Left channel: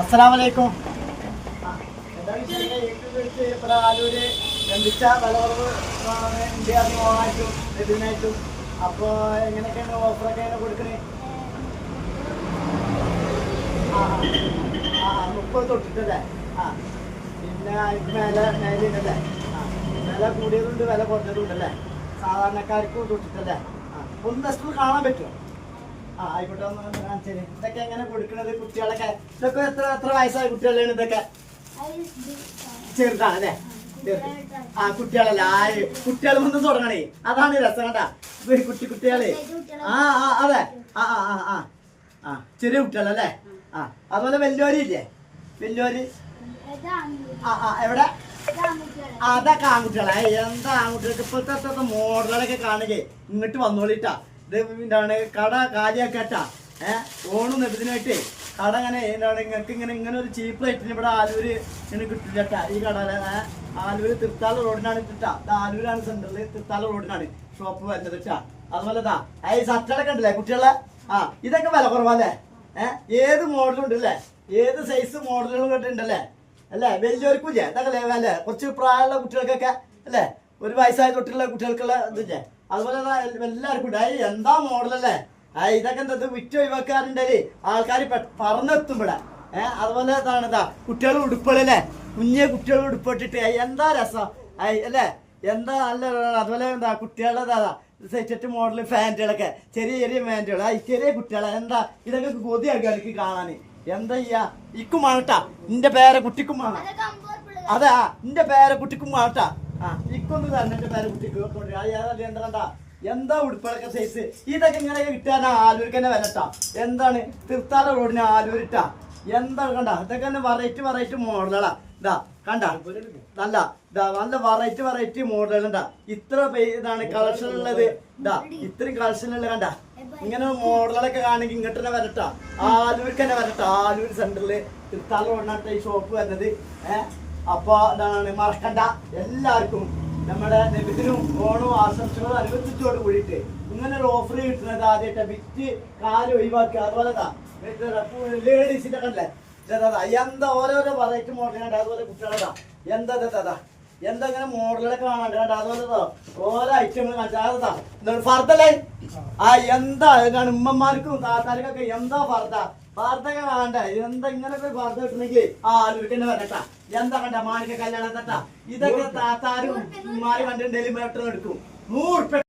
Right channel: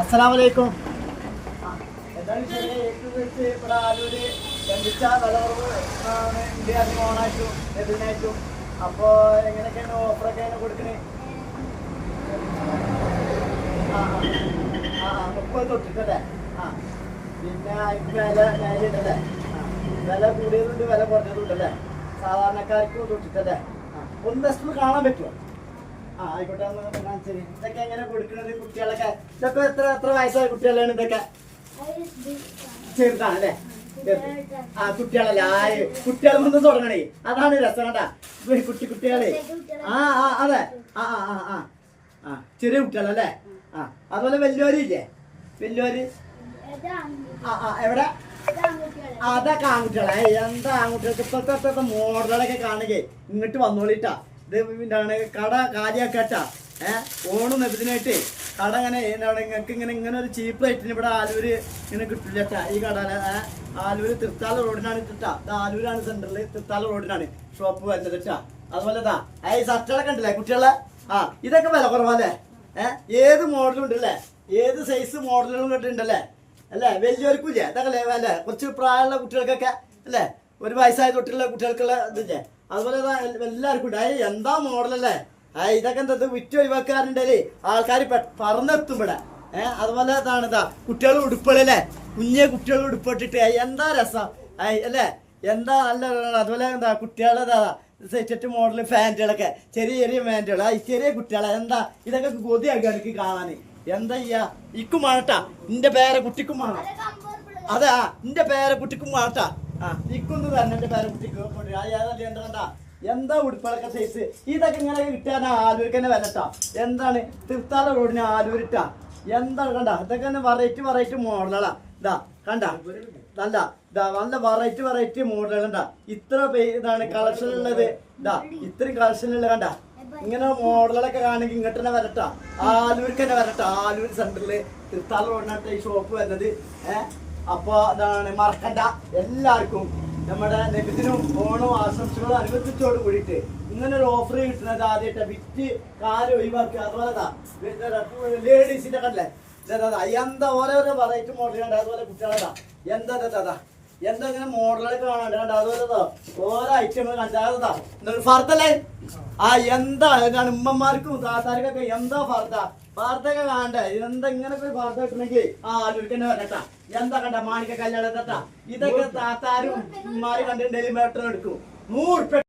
അസ്സലാമലൈക്കും. ഇവിടെ ആലൂര് ബന്ധിച്ച വിളവ് ഓണായിട്ടും ലഭ്യനായിട്ടും. അപ്പോൾ എങ്ങനെയൊക്കെയാണ് ഓഫറൊക്കെ എങ്ങനെ കൊടുക്കണേ? 30 തൊട്ടിട്ടല്ലേ? പിന്നെ അതിന് മേലുണ്ടല്ലേ? വില കൂടിയതുണ്ട്, വില കുറഞ്ഞതുണ്ടല്ലേ? സാധാരണക്കാർക്ക് തൊട്ടിട്ടല്ലേ? ഒന്ന് സ്കൂൾ കാണാൻ പറ്റുമോ? ആയിക്കോട്ടെ, ഒന്ന് കാണിച്ചു. ഇതൊക്കെ എങ്ങനെ കൊടുക്കണത്? കുട്ടികളൊക്കെ ഇതൊക്കെ എത്ര വയസ്സായ കുട്ടികളാണ് ഇതൊക്കെ? ചെറുതാണല്ലേ? കുട്ടികളല്ലേ? കുട്ടികൾ കൊണ്ട് തുടങ്ങണേ, അതാണ് രസം. കണ്ടാ കുട്ടികളെ. അതെ. ചെറിയ കുട്ടികളല്ലേ? അതുപോലെ വലിയവരില്ലേ? വലിയവര് എവിടെ? അതൊക്കെ ആൺകുട്ടികളെ. എന്താ ആൺകുട്ടികൾക്ക് ഇപ്പോഴത്തെ മോഡലുകളൊക്കെ കാണുകയെ. ഇങ്ങോട്ട് വന്നോളിട്ടാ. ഇത് എന്താണ് കട കാര്യാക്കാട്ടാ. ഓണം ഇതിനായിട്ട് കട ഇങ്ങനെ എന്താണ് നിങ്ങൾക്ക് ഇങ്ങനെ ഒരു ചീപ്പ് റേറ്റിന് ഇവിടെ ആലൂര് ഇങ്ങനെ കിട്ടില്ലട്ടാ. ഈ കട ആലൂര് തൃത്താല റോഡിനാണ് ഇട്ടാ. ആലൂരാണ് സെന്ററിൽ, തൃത്താല റോഡിനാണ് ഷോപ്പ് വരുന്നത് ഇട്ടാ. അതുപോലെ ഈ ഷർട്ടുകളൊക്കെ ഉണ്ടല്ലേ കുട്ടികളെ? ഇതൊക്കെ വില കുറവല്ലേ? ഏത് മോഡലും ഉണ്ടല്ലേ? ഏത് സൈസ് മോഡലുകളും കിട്ടുന്നുണ്ടല്ലേ? അല്ലേ? വലിയവർക്കും ഇല്ലേ? ഇതൊക്കെ അല്ലേ? കുറച്ച് പ്രായമുള്ള കുട്ടികൾക്കൊക്കെ അല്ലേ? ഒരു വയസ്സായ തൊട്ടുള്ള കുട്ടികൾക്കുള്ള ഇതില്ലേ? അതുപോലെ എല്ലാവർക്കും ഉണ്ട്. എന്താ മോഡലല്ലേ? ഇതൊക്കെ എന്താ വിറ്റ് ഒഴിവാക്കാറുണ്ടല്ലേ ആൾക്കാർ പറന്നെത്തും ഇവിടെ. അതുപോലെ ഇതാ കുട്ടികൾ ഉടുപ്പുകളല്ലേ? കുഞ്ഞെ കുട്ടികൾ ഉടുപ്പിട്ടിട്ട് എന്താ രസം അല്ലേ? എന്താ നല്ല. അതുപോലെ എന്താ കുട്ടികളുടെ സെറ്റ് മോഡൽ ഫാൻറ്റുകളൊക്കെ, ചെറിയ ചെറിയ ഫാൻറ്റുകൾ. ചെറിയ കുട്ടികളെ എന്താ ഇതൊക്കെ കൊതിയാക്കുക എനിക്ക് കാണാൻ. എന്താ ചെയ്യാ? ഇക്കും വേണട്ടാ. നിന്റെ പേരെ കുട്ടിക്കും വേണം. അതെ, നിന്റെ പേരെ കുട്ടിക്കും വേണട്ടാ. ഇക്കൊന്ന് തന്നെ എന്റെ പേരെ കുട്ടിക്ക് എന്താ കണ്ടാ? എന്താ ഉടുപ്പളൊക്കെ സൈസ്. ഇതൊക്കെ ഇങ്ങനെ കിട്ടാനാ ആലൂർക്ക് തന്നെ വരട്ടാ. എന്താണ് തൃത്താല റോഡിന് ആലൂരിട്ടാ. എന്താണ് കണ്ട? ഇതൊക്കെ തന്നെ വെറൈറ്റി മോഡലുകളാ. ഇതാ കണ്ട? നല്ല വെറൈറ്റി മോഡലുകൾ. കണ്ട? ഇത്ര ഇതാണ് കളക്ഷൻ ഉള്ളത്. ഇതാ ഇത്രയും കളക്ഷൻ ഉള്ളത്. കണ്ട? ഇങ്ങനെ മോഡലുകളൊക്കെ കാണുമെങ്കിൽ ഇങ്ങോട്ട് തന്നെ വരട്ടാ. ആലൂർക്ക് തന്നെ വരട്ടാ. ആലൂർ സെന്ററില് തൃത്താല റോഡിനകത്ത് ഈ ഷോപ്പ് വരുന്നത്. അപ്പൊ ഇതാണ് മറക്കണ്ട. എല്ലാവർക്കും നമ്മുടെ നബിദിനും ഓണം ആശംസകളും അനുബന്ധിച്ചോട് കൂടിയിട്ട് ഇങ്ങനെ ഒരു ഓഫർ കിട്ടുന്നത് ആദ്യമായിട്ട് വിറ്റ് കാല് ഒഴിവാക്കുക. അതുപോലെ ലേഡീസിന്റെ കണ്ടല്ലേ? എന്താ ഓരോരോ വെറൈറ്റി മോഡൽ കണ്ട? അതുപോലെ കുട്ടികളതാ എന്താ ഇങ്ങനെ മോഡലൊക്കെ കാണാണ്ട് കണ്ട? അതുപോലെ ഓരോ ഐറ്റങ്ങൾ കണ്ടാ ഫർദല്ലേ? എന്താ ഇതാണ് ഉമ്മമാർക്കും താത്താർക്കൊക്കെ എന്താ ഫർദൊക്കെ കാണണ്ടേ? എന്താ ഇങ്ങനൊക്കെ ഫർദ കിട്ടണമെങ്കിൽ ആലൂർക്ക് തന്നെ വരട്ടാ. എന്താ കണ്ട? മാണിക്ക കല്യാണം തട്ടാ. ഇതൊക്കെ താത്താരും ഉമ്മാരും കണ്ടിട്ടുണ്ടെങ്കിൽ മേട്ടർ എടുക്കും. 100